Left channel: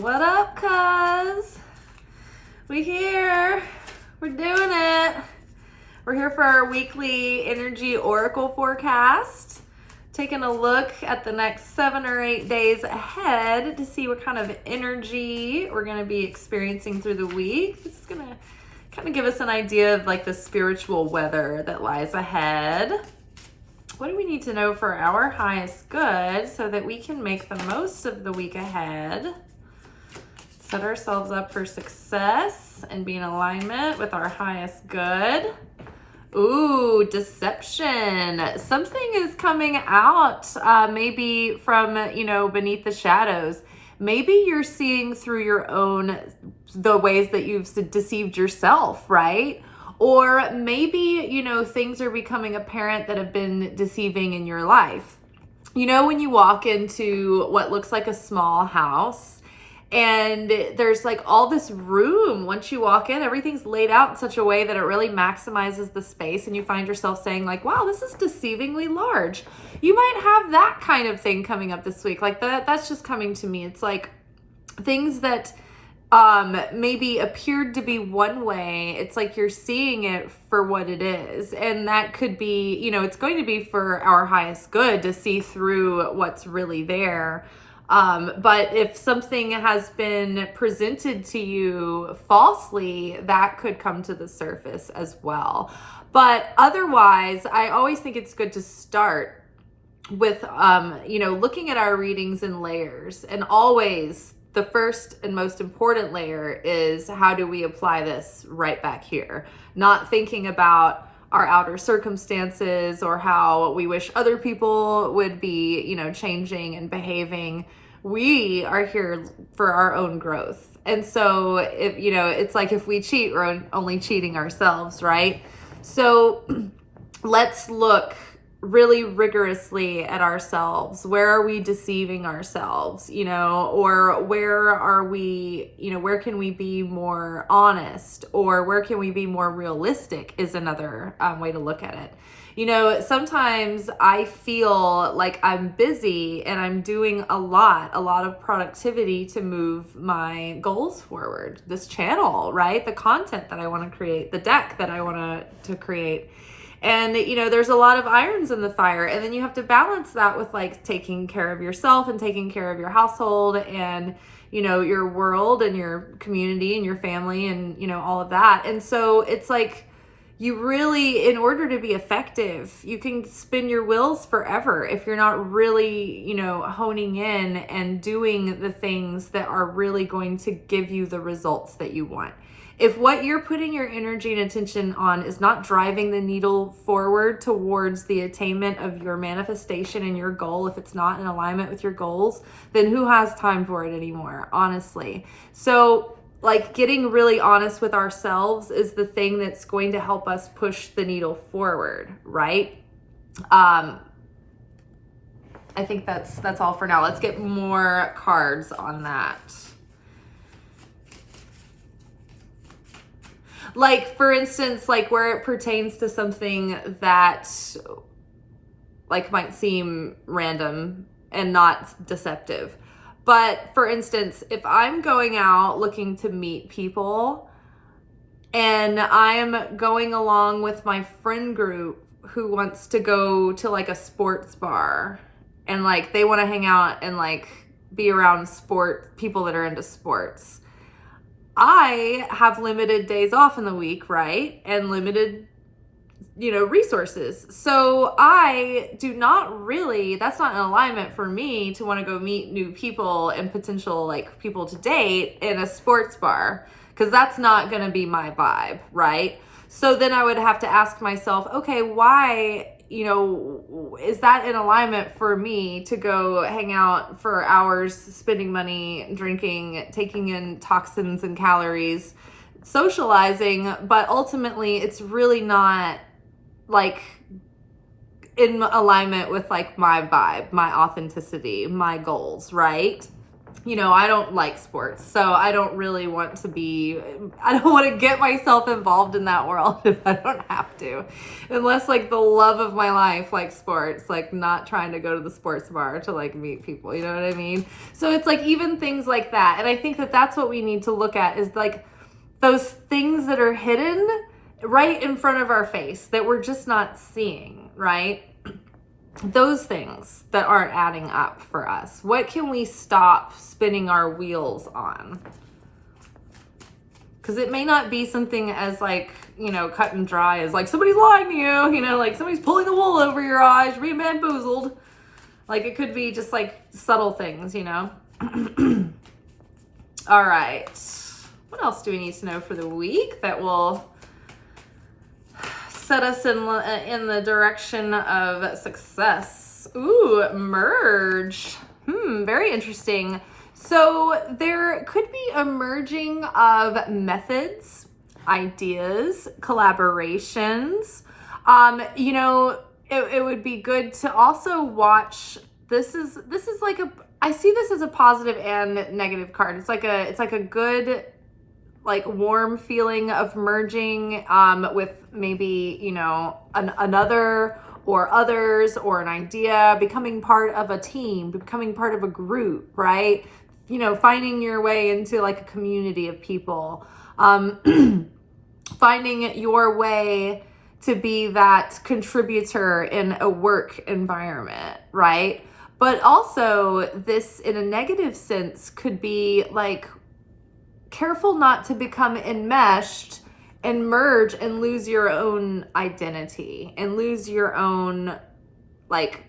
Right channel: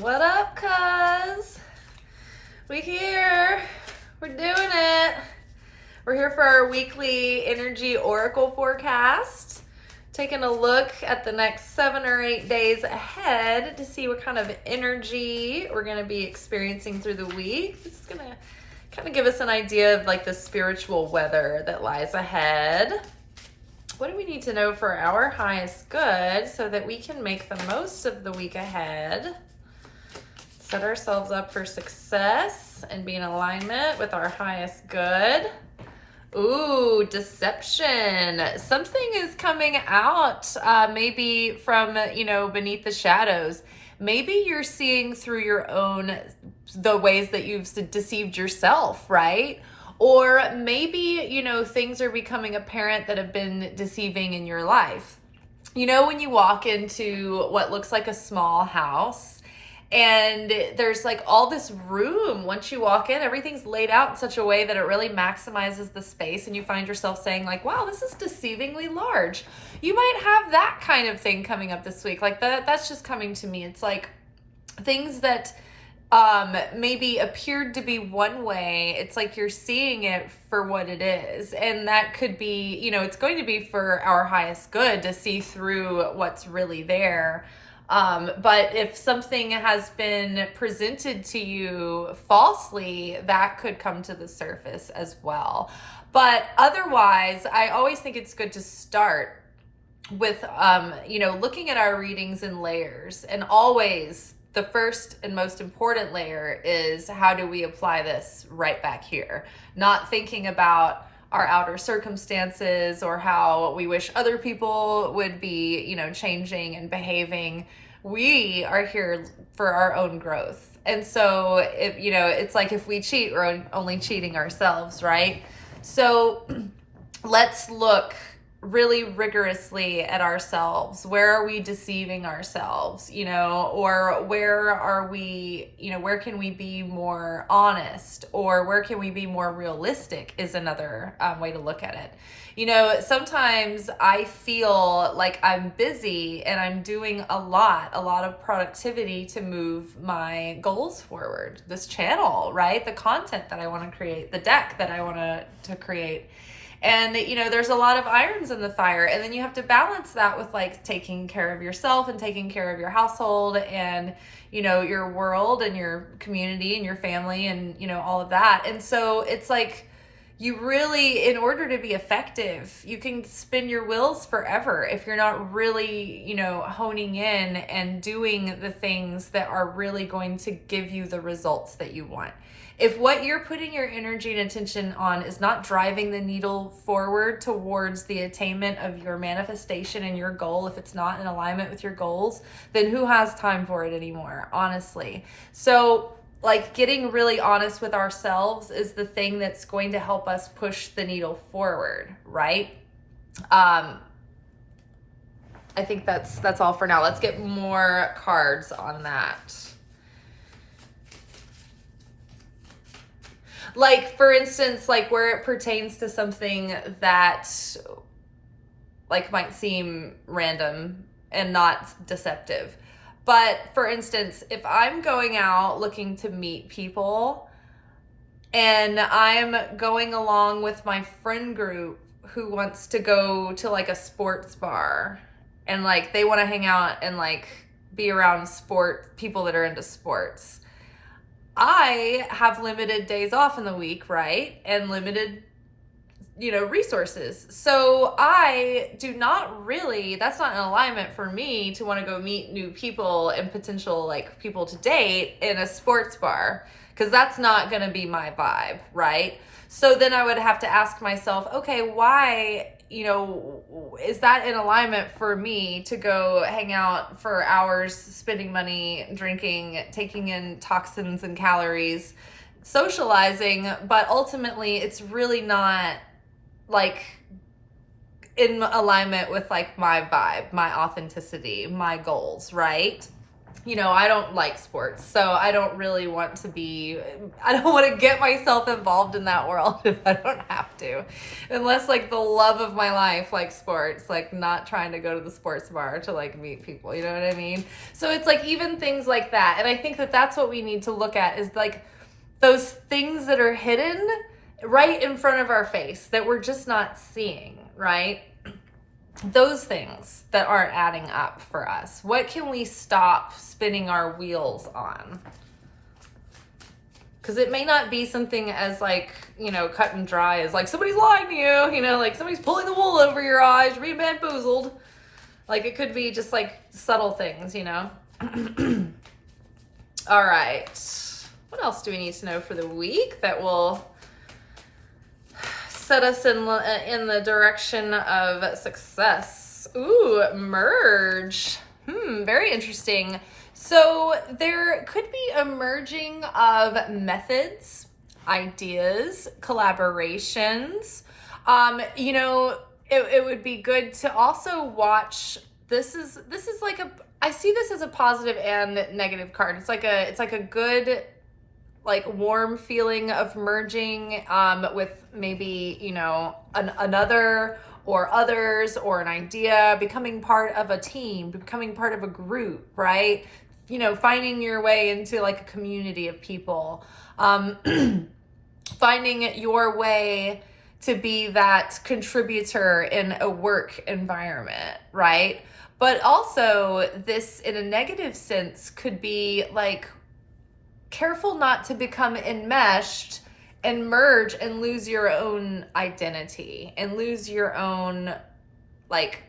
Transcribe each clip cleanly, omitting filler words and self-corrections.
What up, cuz? We here. We're doing it. We're here for our weekly energy oracle forecast. Taking a look at the next 7 or 8 days ahead to see what kind of energy we're going to be experiencing through the week. This is going to kind of give us an idea of like the spiritual weather that lies ahead. What do we need to know for our highest good so that we can make the most of the week ahead? Set ourselves up for success and be in alignment with our highest good. Ooh, deception. Something is coming out, maybe from, beneath the shadows. Maybe you're seeing through the ways that you've deceived yourself, right? Or maybe, things are becoming apparent that have been deceiving in your life. When you walk into what looks like a small house, and there's like all this room. Once you walk in, everything's laid out in such a way that it really maximizes the space, and you find yourself saying like, wow, this is deceivingly large. You might have that kind of thing coming up this week. Like that's just coming to me. It's like things that maybe appeared to be one way. It's like you're seeing it for what it is. And that could be, it's going to be for our highest good to see through what's really there. But if something has been presented to you falsely, that could come to the surface as well. But otherwise, I always think it's good to start with, looking at our readings in layers. And always the first and most important layer is, how do we apply this right back here? Not thinking about our outer circumstances or how we wish other people would be, changing and behaving. We are here for our own growth. And so if, it's like if we cheat, we're only cheating ourselves, right? So let's look really rigorously at ourselves. Where are we deceiving ourselves, or where are we, where can we be more honest, or where can we be more realistic is another way to look at it. Sometimes I feel like I'm busy and I'm doing a lot of productivity to move my goals forward. This channel, right? The content that I want to create, the deck that I want to create. And, there's a lot of irons in the fire. And then you have to balance that with like taking care of yourself and taking care of your household and, your world and your community and your family and, all of that. And so it's like, you really, in order to be effective, you can spin your wheels forever if you're not really, honing in and doing the things that are really going to give you the results that you want. If what you're putting your energy and attention on is not driving the needle forward towards the attainment of your manifestation and your goal, if it's not in alignment with your goals, then who has time for it anymore, honestly? So like getting really honest with ourselves is the thing that's going to help us push the needle forward, right? I think that's all for now. Let's get more cards on that. Like, for instance, like where it pertains to something that like might seem random and not deceptive. But for instance, if I'm going out looking to meet people and I'm going along with my friend group who wants to go to like a sports bar and like they want to hang out and like be around people that are into sports. I have limited days off in the week, right? And limited, resources. So I do not really, that's not in alignment for me to want to go meet new people and potential like people to date in a sports bar, because that's not going to be my vibe, right? So then I would have to ask myself, okay, why, is that in alignment for me to go hang out for hours, spending money, drinking, taking in toxins and calories, socializing, but ultimately it's really not like in alignment with like my vibe, my authenticity, my goals, right? I don't like sports, so I don't really want to I don't want to get myself involved in that world if I don't have to. Unless like the love of my life, like sports, like not trying to go to the sports bar to like meet people, you know what I mean? So it's like even things like that. And I think that that's what we need to look at is like those things that are hidden right in front of our face that we're just not seeing, right? Those things that aren't adding up for us. What can we stop spinning our wheels on? Because it may not be something as like, cut and dry as like somebody's lying to you, like somebody's pulling the wool over your eyes, you're being bamboozled. Like it could be just like subtle things, All right. What else do we need to know for the week that will set us in the direction of success? Ooh, merge. Very interesting. So there could be a merging of methods, ideas, collaborations. It would be good to also watch. This is like I see this as a positive and negative card. It's like a good, like warm feeling of merging with maybe, another or others or an idea, becoming part of a team, becoming part of a group, right? Finding your way into like a community of people, finding your way to be that contributor in a work environment, right? But also this in a negative sense could be like, careful not to become enmeshed and merge and lose your own identity and lose your own like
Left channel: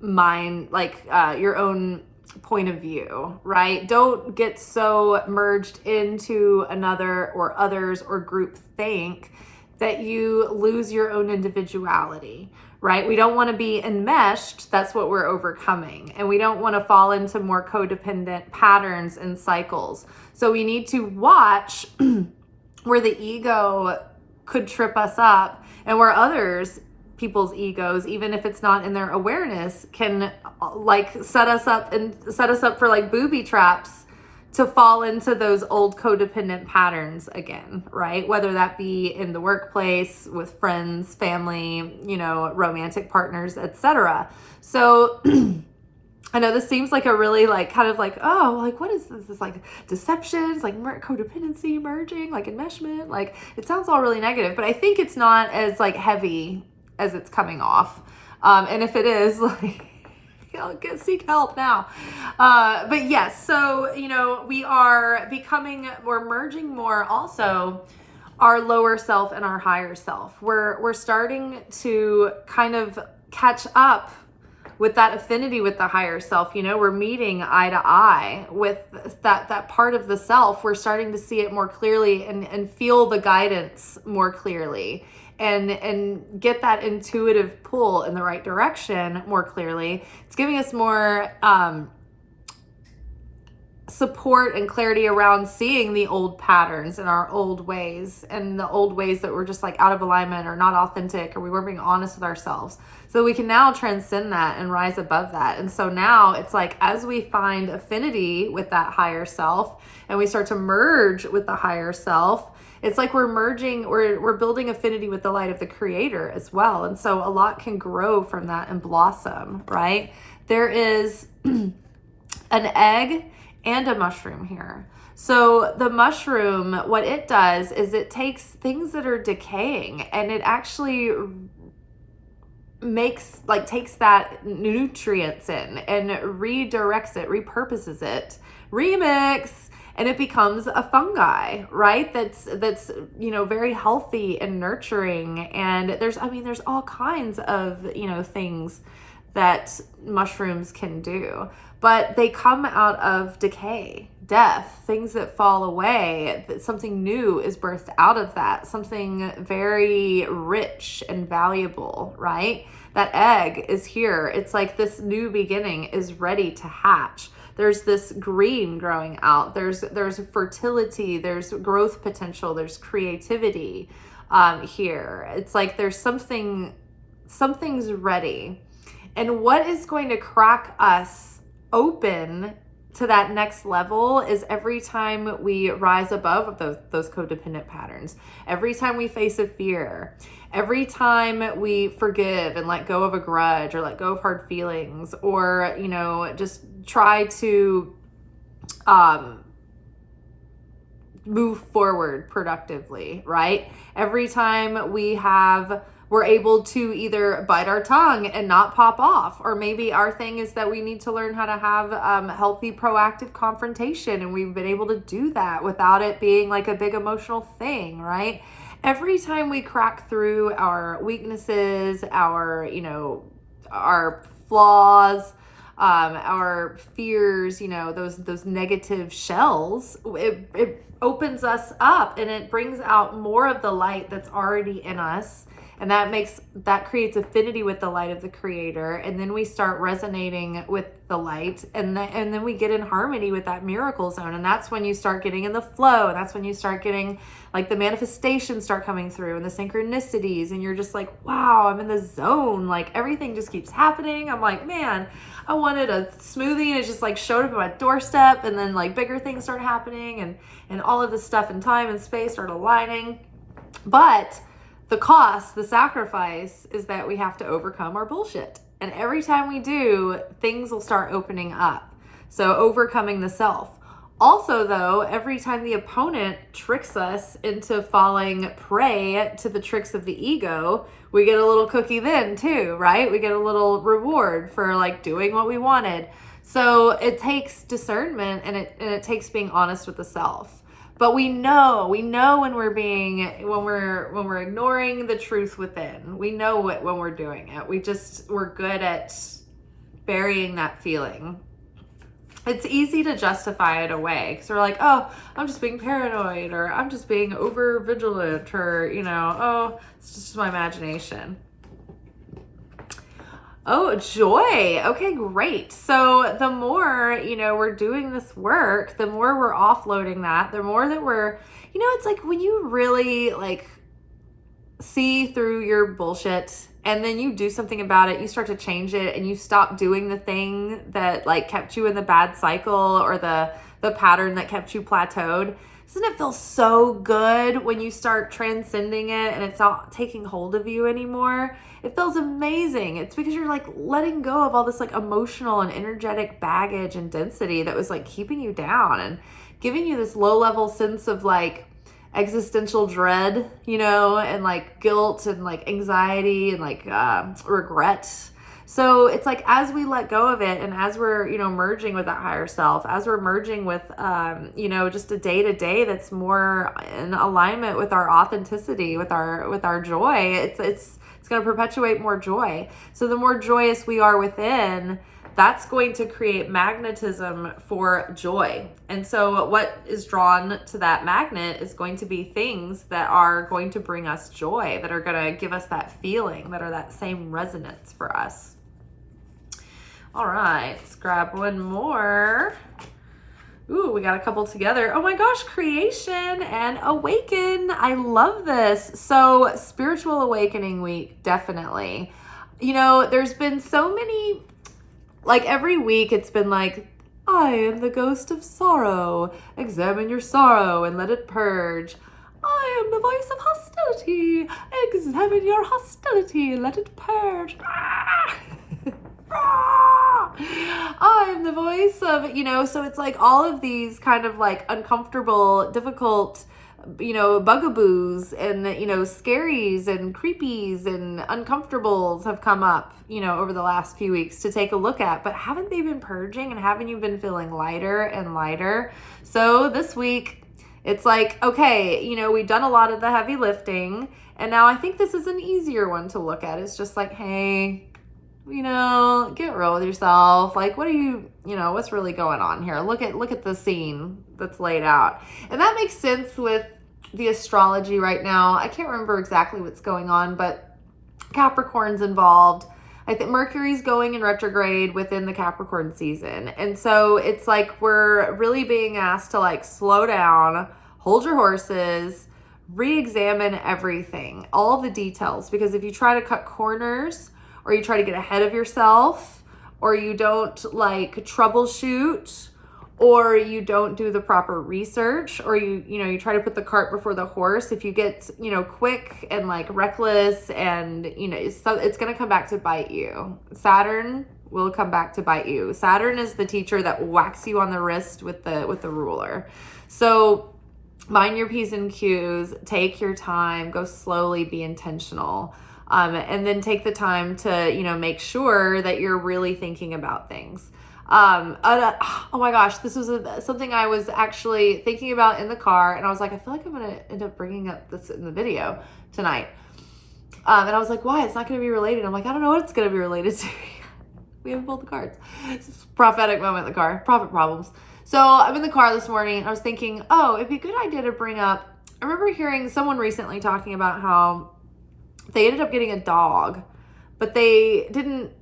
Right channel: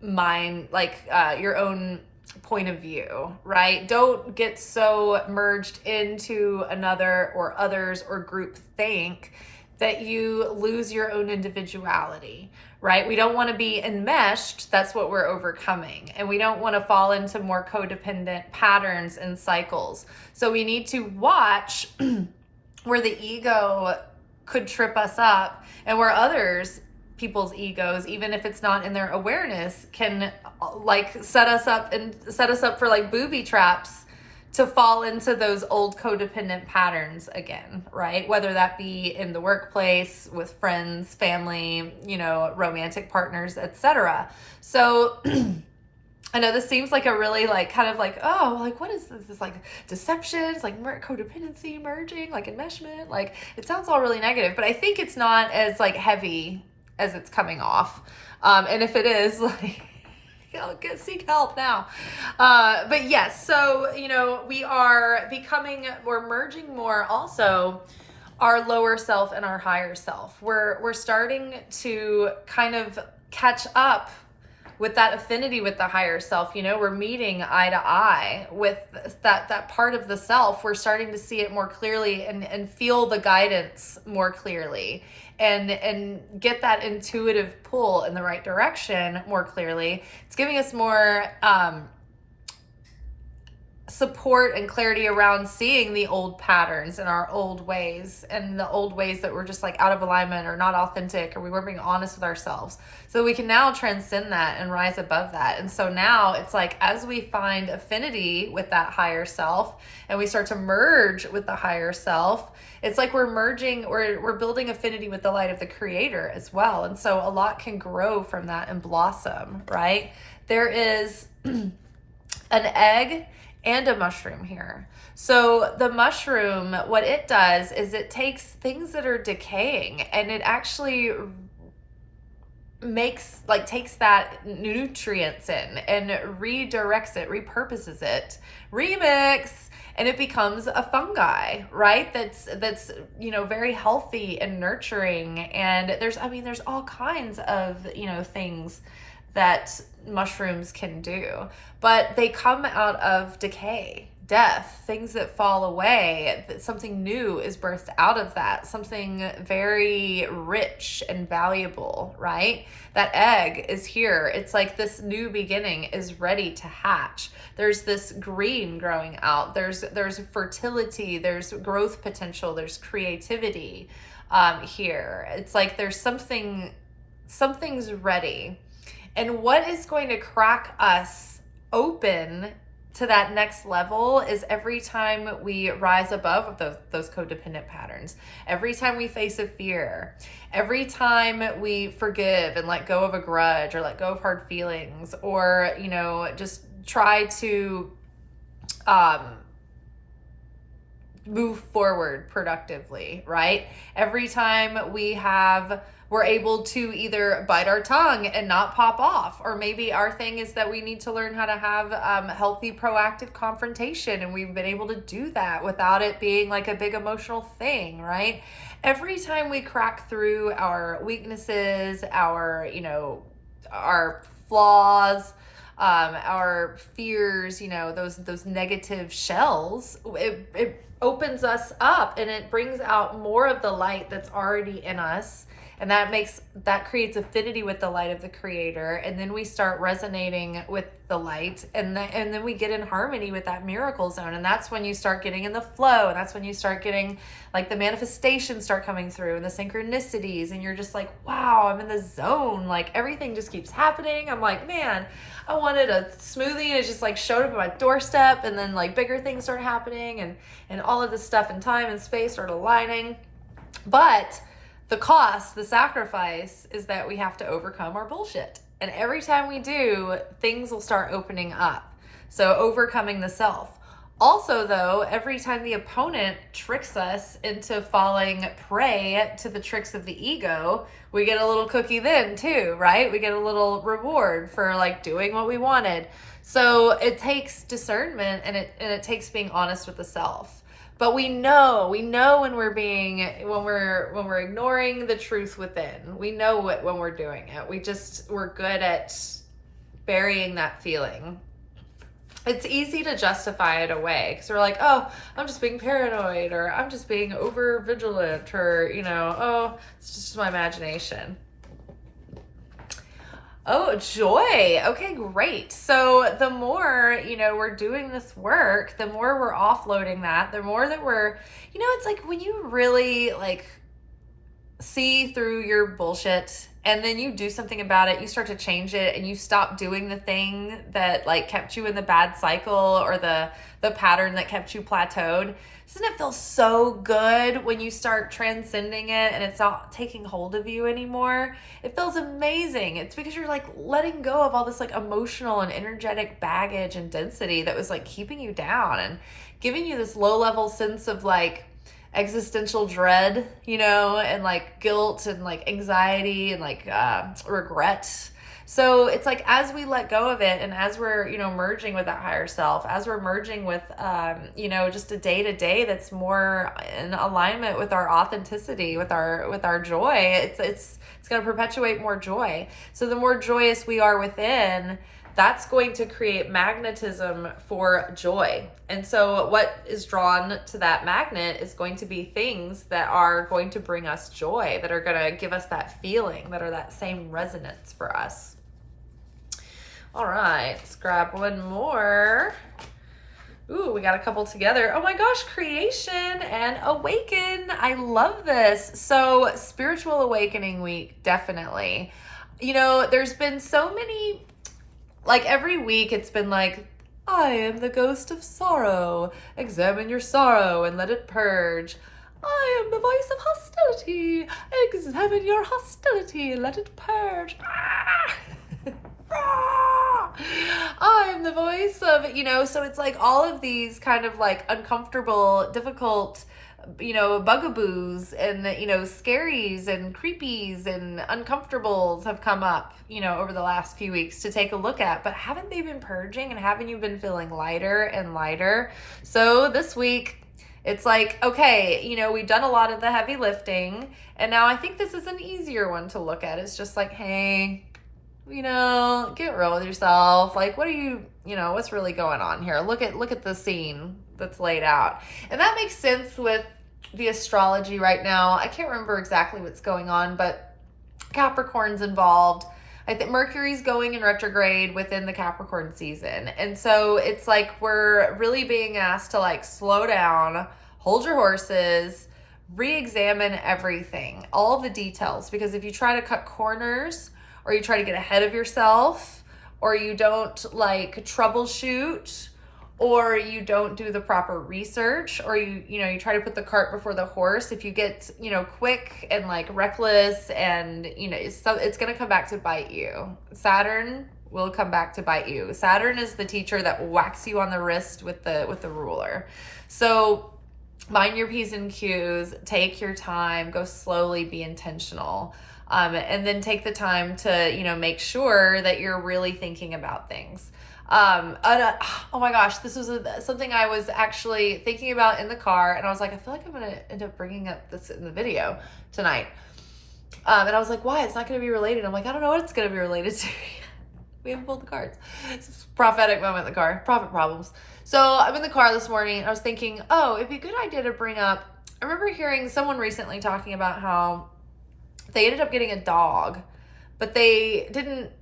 mind, like your own point of view, right? Don't get so merged into another or others or group think that you lose your own individuality, right? We don't want to be enmeshed. That's what we're overcoming. And we don't want to fall into more codependent patterns and cycles. So we need to watch where the ego could trip us up and where people's egos, even if it's not in their awareness, can like set us up for like booby traps to fall into those old codependent patterns again, right? Whether that be in the workplace, with friends, family, romantic partners, etc. So I know this seems like a really like kind of like, oh, like what is this? This like deception, it's like codependency, merging, like enmeshment. Like it sounds all really negative, but I think it's not as like heavy as it's coming off. And if it is, like, seek help now. But yes, so, we're merging more also our lower self and our higher self. We're starting to kind of catch up with that affinity with the higher self. We're meeting eye to eye with that part of the self. We're starting to see it more clearly and feel the guidance more clearly. And get that intuitive pull in the right direction more clearly. It's giving us more support and clarity around seeing the old patterns and our old ways and the old ways that were just like out of alignment or not authentic, or we weren't being honest with ourselves. So we can now transcend that and rise above that. And so now it's like, as we find affinity with that higher self and we start to merge with the higher self, it's like we're building affinity with the light of the creator as well. And so a lot can grow from that and blossom, right? There is an egg and a mushroom here. So the mushroom, what it does is it takes things that are decaying and it actually takes that nutrients in and redirects it, repurposes it, remix, and it becomes a fungi, right? That's very healthy and nurturing. And there's all kinds of, things that mushrooms can do, but they come out of decay, death, things that fall away. Something new is birthed out of that, something very rich and valuable, right? That egg is here. It's like this new beginning is ready to hatch. There's this green growing out. There's fertility, there's growth potential, there's creativity here. It's like there's something's ready. And what is going to crack us open to that next level is every time we rise above those codependent patterns, every time we face a fear, every time we forgive and let go of a grudge or let go of hard feelings, or, you know, just try to move forward productively, right? Every time we're able to either bite our tongue and not pop off, or maybe our thing is that we need to learn how to have healthy, proactive confrontation, and we've been able to do that without it being like a big emotional thing, right? Every time we crack through our weaknesses, our flaws, our fears, you know, those negative shells, it opens us up and it brings out more of the light that's already in us. And that creates affinity with the light of the Creator. And then we start resonating with the light. And then we get in harmony with that miracle zone. And that's when you start getting in the flow. And that's when you start getting like the manifestations start coming through and the synchronicities. And you're just like, wow, I'm in the zone. Like everything just keeps happening. I'm like, man, I wanted a smoothie and it just like showed up at my doorstep. And then like bigger things start happening and all of this stuff in time and space start aligning. But the cost, the sacrifice is that we have to overcome our bullshit. And every time we do, things will start opening up. So overcoming the self. Also though, every time the opponent tricks us into falling prey to the tricks of the ego, we get a little cookie then too, right? We get a little reward for like doing what we wanted. So it takes discernment and it takes being honest with the self. But we know when we're ignoring the truth within. We know it when we're doing it. We're good at burying that feeling. It's easy to justify it away because we're like, oh, I'm just being paranoid, or I'm just being over vigilant, or, you know, oh, it's just my imagination. Oh, joy. Okay, great. So the more, you know, we're doing this work, the more we're offloading that, the more that we're, you know, it's like when you really like see through your bullshit and then you do something about it, you start to change it and you stop doing the thing that like kept you in the bad cycle or the pattern that kept you plateaued. Doesn't it feel so good when you start transcending it and it's not taking hold of you anymore? It feels amazing. It's because you're like letting go of all this like emotional and energetic baggage and density that was like keeping you down and giving you this low level sense of like existential dread, you know, and like guilt and like anxiety and like regret. So it's like as we let go of it and as we're, you know, merging with that higher self, as we're merging with, you know, just a day-to-day that's more in alignment with our authenticity, with our joy, it's going to perpetuate more joy. So the more joyous we are within, that's going to create magnetism for joy. And so what is drawn to that magnet is going to be things that are going to bring us joy, that are going to give us that feeling, that are that same resonance for us. All right, let's grab one more. Ooh, we got a couple together. Oh my gosh, creation and awaken. I love this. So spiritual awakening week, definitely. You know, there's been so many, like every week it's been like, I am the ghost of sorrow. Examine your sorrow and let it purge. I am the voice of hostility. Examine your hostility and let it purge. I'm the voice of, you know, so it's like all of these kind of like uncomfortable, difficult, you know, bugaboos and, you know, scaries and creepies and uncomfortables have come up, you know, over the last few weeks to take a look at. But haven't they been purging and haven't you been feeling lighter and lighter? So this week, it's like, okay, you know, we've done a lot of the heavy lifting. And now I think this is an easier one to look at. It's just like, hey, you know, get real with yourself. Like, what are you know, what's really going on here? Look at the scene that's laid out. And that makes sense with the astrology right now. I can't remember exactly what's going on, but Capricorn's involved. I think Mercury's going in retrograde within the Capricorn season. And so it's like we're really being asked to like slow down, hold your horses, re-examine everything, all the details. Because if you try to cut corners, or you try to get ahead of yourself, or you don't like troubleshoot, or you don't do the proper research, or you try to put the cart before the horse. If you get, quick and like reckless, and it's going to come back to bite you. Saturn will come back to bite you. Saturn is the teacher that whacks you on the wrist with the ruler. So mind your P's and Q's, take your time, go slowly, be intentional. And then take the time to, make sure that you're really thinking about things. Oh my gosh, this was something I was actually thinking about in the car, and I was like, I feel like I'm going to end up bringing up this in the video tonight. And I was like, why? It's not going to be related. I'm like, I don't know what it's going to be related to. We haven't pulled the cards. It's a prophetic moment in the car. Prophet problems. So I'm in the car this morning, and I was thinking, oh, it'd be a good idea to bring up, I remember hearing someone recently talking about how they ended up getting a dog, but they didn't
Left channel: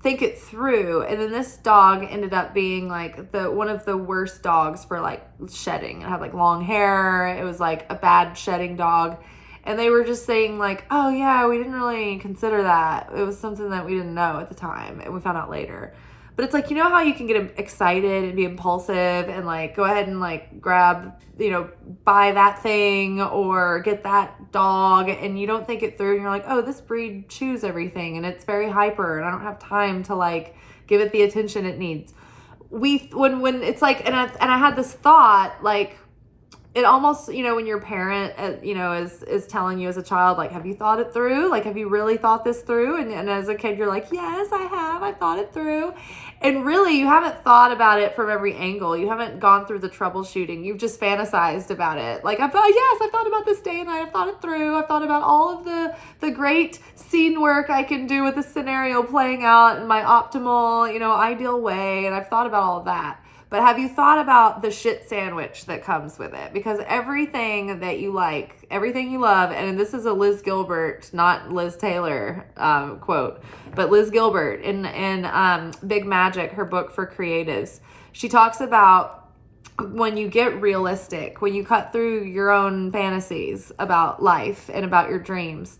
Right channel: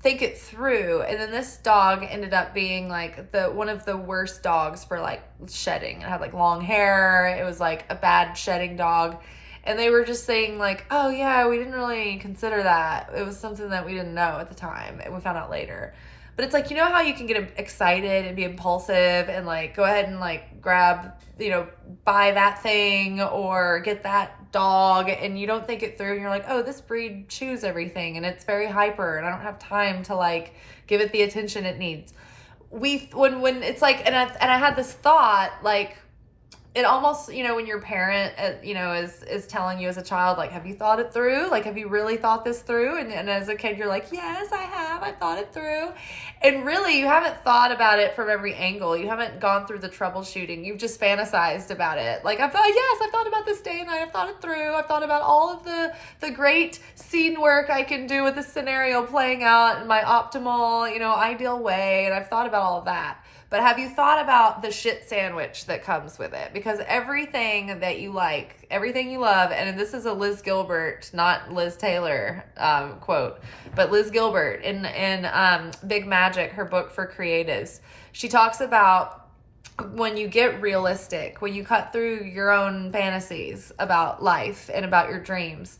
think it through, and then this dog ended up being like one of the worst dogs for like shedding. It had like long hair. It was like a bad shedding dog, and they were just saying like, oh yeah, we didn't really consider that. It was something that we didn't know at the time, and we found out later. But it's like, how you can get excited and be impulsive and like go ahead and like grab, buy that thing or get that dog, and you don't think it through, and you're like, oh, this breed chews everything and it's very hyper and I don't have time to like give it the attention it needs. When it's like, and I had this thought, like, it almost, when your parent, is telling you as a child, like, have you thought it through? Like, have you really thought this through? And as a kid, you're like, yes, I have. I thought it through. And really, you haven't thought about it from every angle. You haven't gone through the troubleshooting. You've just fantasized about it. Like, I've thought about this day and night. I've thought it through. I've thought about all of the great scene work I can do with the scenario playing out in my optimal, ideal way. And I've thought about all of that. But have you thought about the shit sandwich that comes with it? Because everything that you like, everything you love, and this is a Liz Gilbert, not Liz Taylor quote, but Liz Gilbert in Big Magick, her book for creatives. She talks about when you get realistic, when you cut through your own fantasies about life and about your dreams,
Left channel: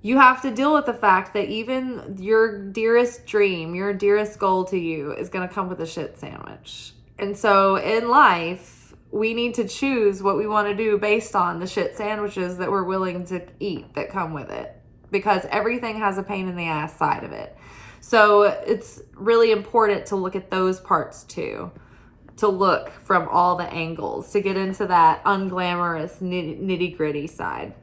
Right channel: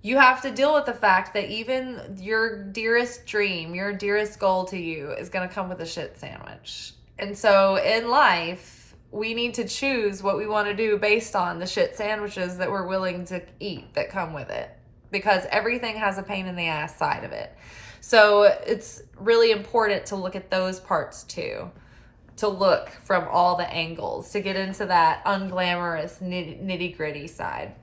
you have to deal with the fact that even your dearest dream, your dearest goal to you is going to come with a shit sandwich. And so in life, we need to choose what we want to do based on the shit sandwiches that we're willing to eat that come with it, because everything has a pain in the ass side of it. So it's really important to look at those parts too, to look from all the angles, to get into that unglamorous nitty gritty side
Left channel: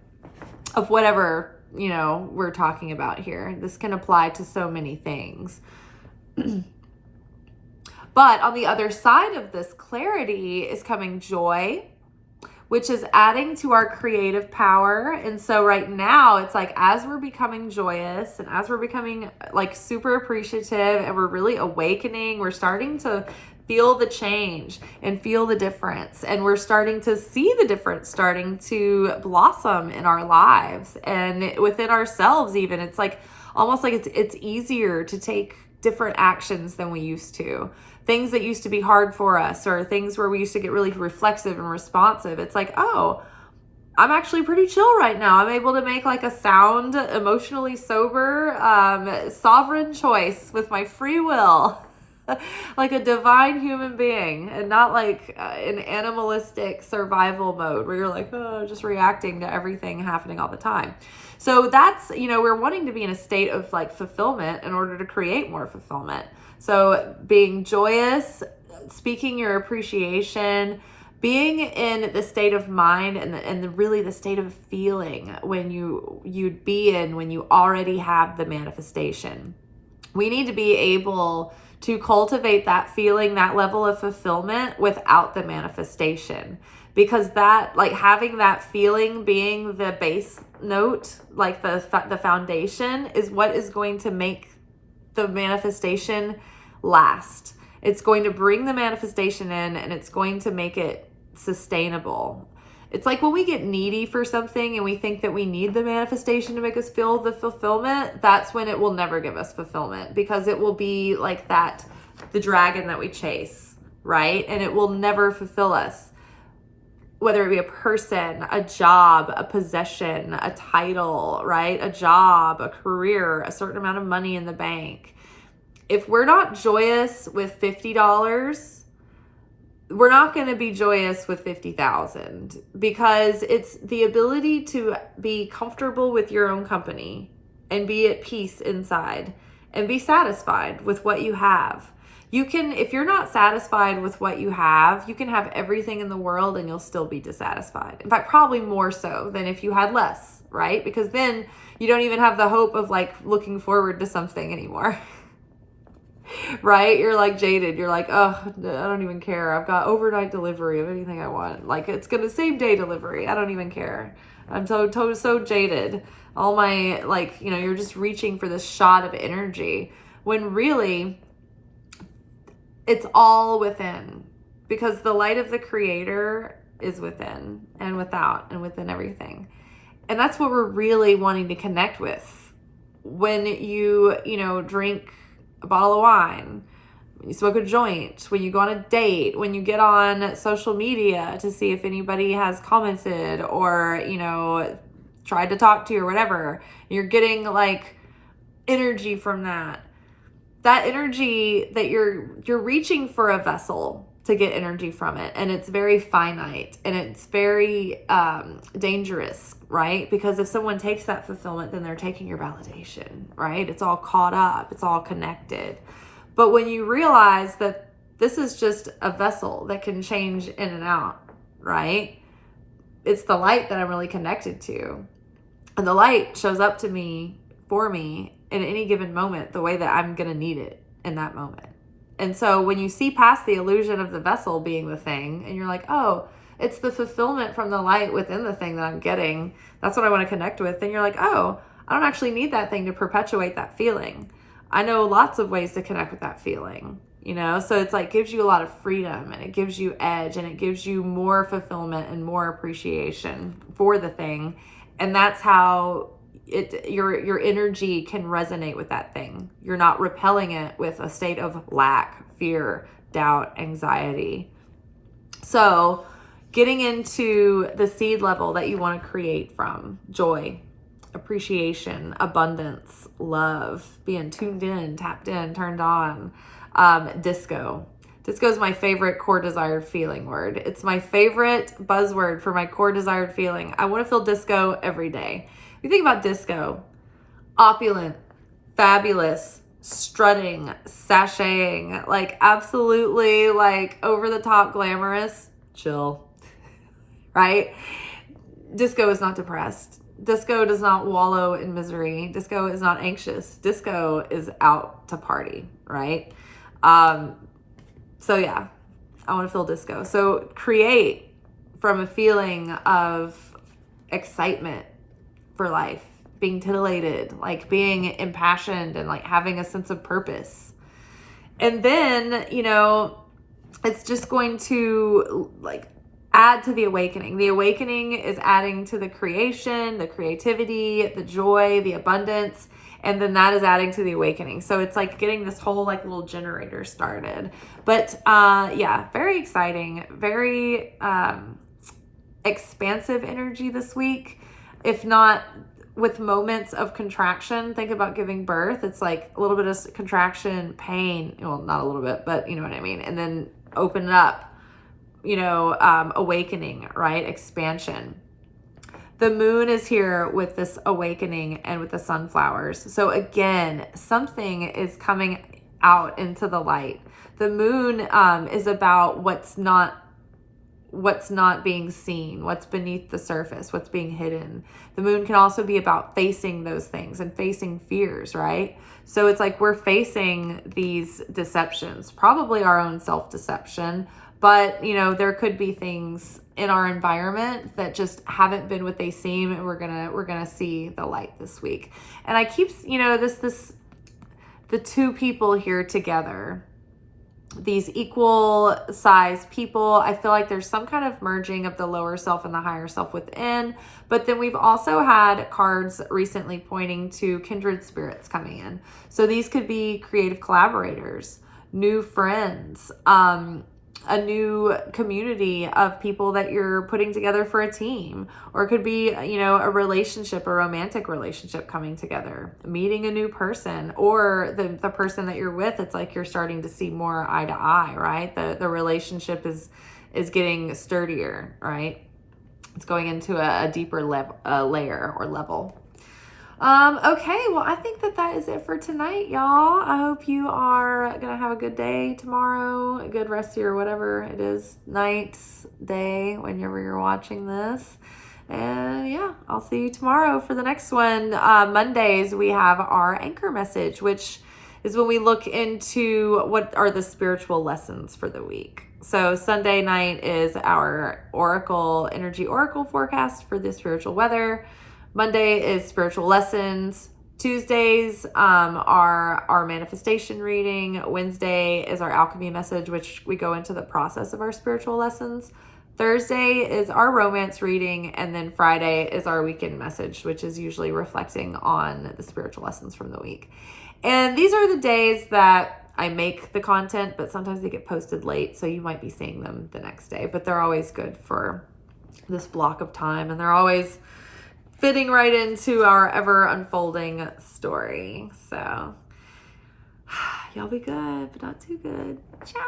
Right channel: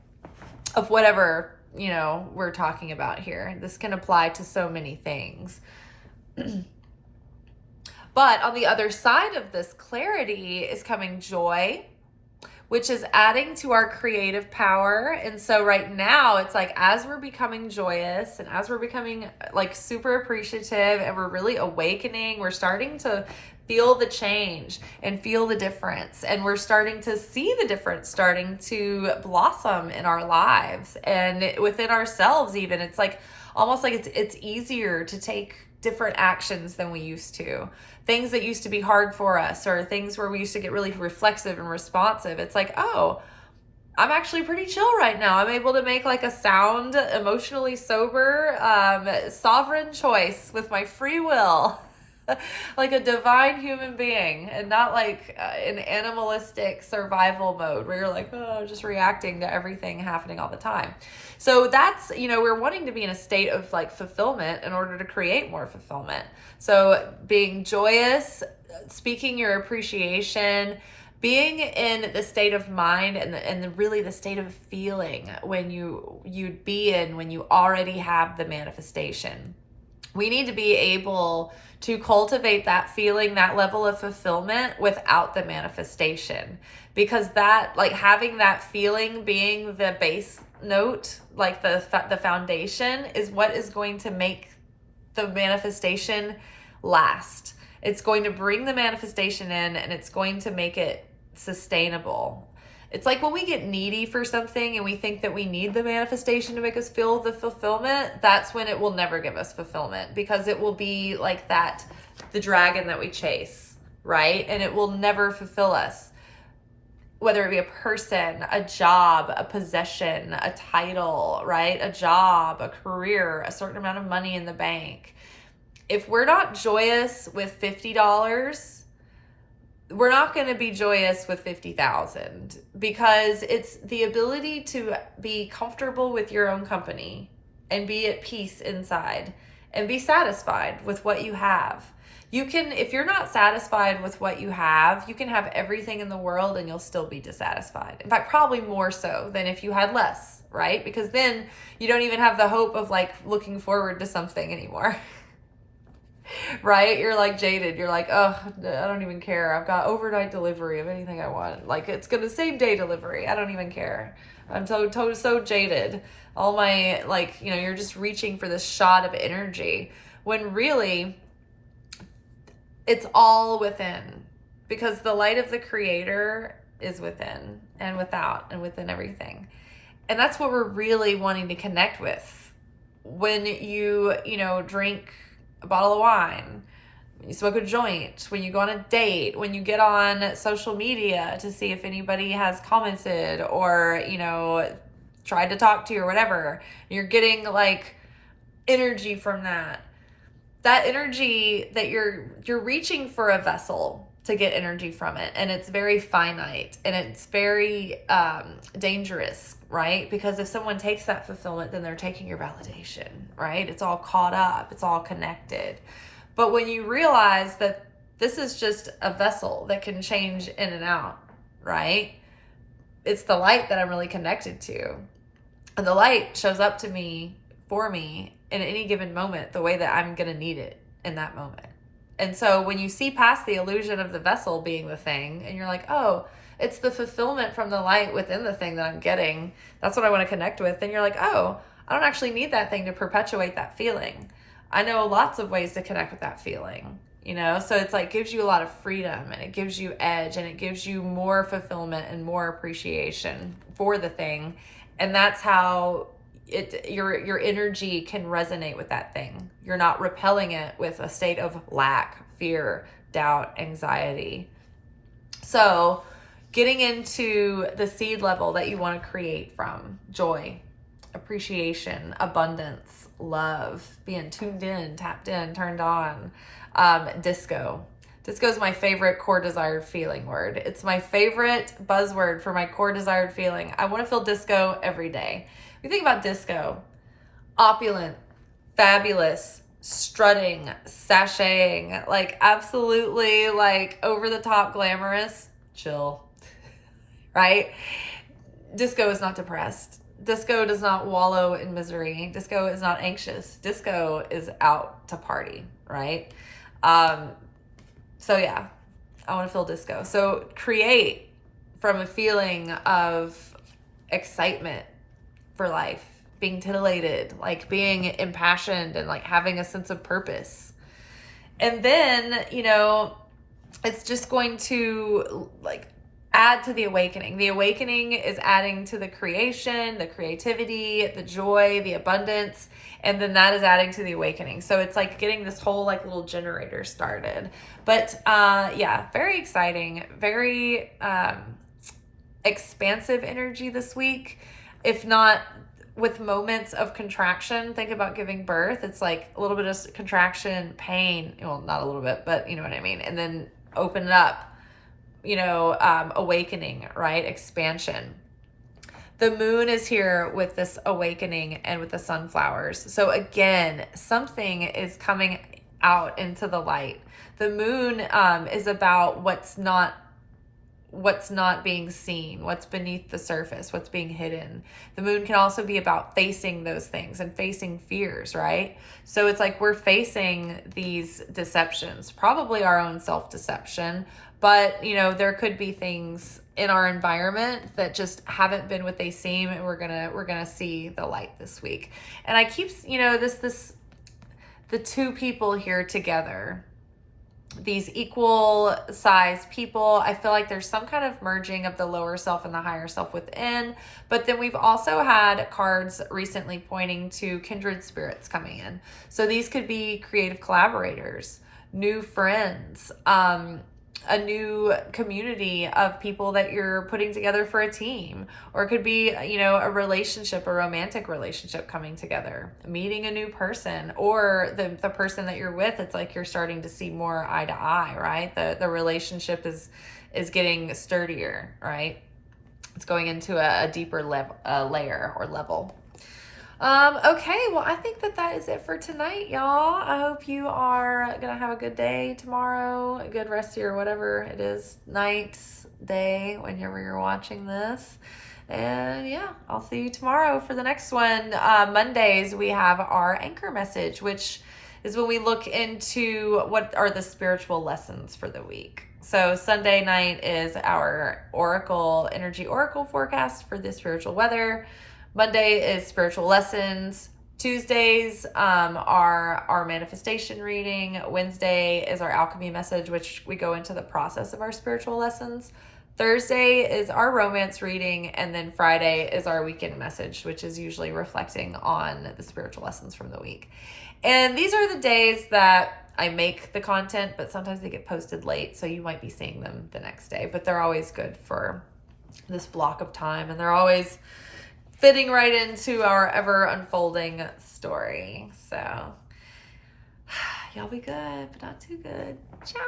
of whatever we're talking about here. This can apply to so many things. But on the other side of this clarity is coming joy, which is adding to our creative power. And so right now it's like, as we're becoming joyous and as we're becoming like super appreciative and we're really awakening, we're starting to feel the change and feel the difference. And we're starting to see the difference starting to blossom in our lives and within ourselves even. It's like almost like it's easier to take different actions than we used to. Things that used to be hard for us, or things where we used to get really reflexive and responsive. It's like, oh, I'm actually pretty chill right now. I'm able to make like a sound, emotionally sober, sovereign choice with my free will. Like a divine human being, and not like an animalistic survival mode where you're like, oh, just reacting to everything happening all the time. So that's, we're wanting to be in a state of like fulfillment in order to create more fulfillment. So being joyous, speaking your appreciation, being in the state of mind and really the state of feeling when you'd be in when you already have the manifestation. We need to be able to cultivate that feeling, that level of fulfillment without the manifestation, because that, like, having that feeling being the base note, like the foundation, is what is going to make the manifestation last. It's going to bring the manifestation in, and it's going to make it sustainable. It's like when we get needy for something and we think that we need the manifestation to make us feel the fulfillment, that's when it will never give us fulfillment, because it will be like that, the dragon that we chase, right? And it will never fulfill us, whether it be a person, a job, a possession, a title, right? A job, a career, a certain amount of money in the bank. If we're not joyous with $50, we're not going to be joyous with 50,000, because it's the ability to be comfortable with your own company and be at peace inside and be satisfied with what you have. You can, if you're not satisfied with what you have, you can have everything in the world and you'll still be dissatisfied. In fact, probably more so than if you had less, right? Because then you don't even have the hope of like looking forward to something anymore. Right? You're like jaded. You're like, oh, I don't even care. I've got overnight delivery of anything I want. Like, it's gonna same day delivery. I don't even care. I'm so jaded. All my, like, you know, you're just reaching for this shot of energy when really it's all within, because the light of the creator is within and without and within everything. And that's what we're really wanting to connect with. When you drink a bottle of wine, when you smoke a joint, when you go on a date, when you get on social media to see if anybody has commented or, tried to talk to you or whatever, you're getting like energy from that. That energy that you're reaching for a vessel to get energy from it. And it's very finite and it's very dangerous, right? Because if someone takes that fulfillment, then they're taking your validation, right? It's all caught up. It's all connected. But when you realize that this is just a vessel that can change in and out, right? It's the light that I'm really connected to. And the light shows up to me, for me, in any given moment, the way that I'm going to need it in that moment. And so when you see past the illusion of the vessel being the thing, and you're like, oh, it's the fulfillment from the light within the thing that I'm getting, that's what I want to connect with. Then you're like, oh, I don't actually need that thing to perpetuate that feeling. I know lots of ways to connect with that feeling, so it's like gives you a lot of freedom, and it gives you edge, and it gives you more fulfillment and more appreciation for the thing. And that's how your energy can resonate with that thing. You're not repelling it with a state of lack, fear, doubt, anxiety. So getting into the seed level that you want to create from: joy, appreciation, abundance, love, being tuned in, tapped in, turned on. Disco. Disco is my favorite core desired feeling word. It's my favorite buzzword for my core desired feeling. I want to feel disco every day. If you think about disco, opulent, fabulous, strutting, sashaying, like absolutely like over the top glamorous, chill, right? Disco is not depressed. Disco does not wallow in misery. Disco is not anxious. Disco is out to party, right? So yeah, I want to feel disco. So create from a feeling of excitement for life, being titillated, like being impassioned and like having a sense of purpose. And then, it's just going to like add to the awakening. The awakening is adding to the creation, the creativity, the joy, the abundance, and then that is adding to the awakening. So it's like getting this whole like little generator started. But very exciting, very expansive energy this week. If not with moments of contraction, think about giving birth. It's like a little bit of contraction, pain. Well, not a little bit, but you know what I mean. And then open it up. Awakening, right? Expansion. The moon is here with this awakening and with the sunflowers. So again, something is coming out into the light. The moon is about what's not being seen, what's beneath the surface, what's being hidden. The moon can also be about facing those things and facing fears, right? So it's like we're facing these deceptions, probably our own self-deception, but there could be things in our environment that just haven't been what they seem, and we're gonna see the light this week. And I keep the two people here together, these equal size people. I feel like there's some kind of merging of the lower self and the higher self within. But then we've also had cards recently pointing to kindred spirits coming in. So these could be creative collaborators, new friends, a new community of people that you're putting together for a team, or it could be, a relationship, a romantic relationship coming together, meeting a new person, or the person that you're with. It's like you're starting to see more eye to eye, right? The relationship is getting sturdier, right? It's going into a deeper layer or level. Okay, well, I think that is it for tonight, y'all. I hope you are gonna have a good day tomorrow, a good rest of your whatever it is, night, day, whenever you're watching this. And yeah, I'll see you tomorrow for the next one. Mondays, we have our anchor message, which is when we look into what are the spiritual lessons for the week. So Sunday night is our energy oracle forecast for the spiritual weather. Monday is spiritual lessons. Tuesdays are our manifestation reading. Wednesday is our alchemy message, which we go into the process of our spiritual lessons. Thursday is our romance reading. And then Friday is our weekend message, which is usually reflecting on the spiritual lessons from the week. And these are the days that I make the content, but sometimes they get posted late, so you might be seeing them the next day. But they're always good for this block of time, and they're always fitting right into our ever unfolding story. So y'all be good, but not too good. Ciao.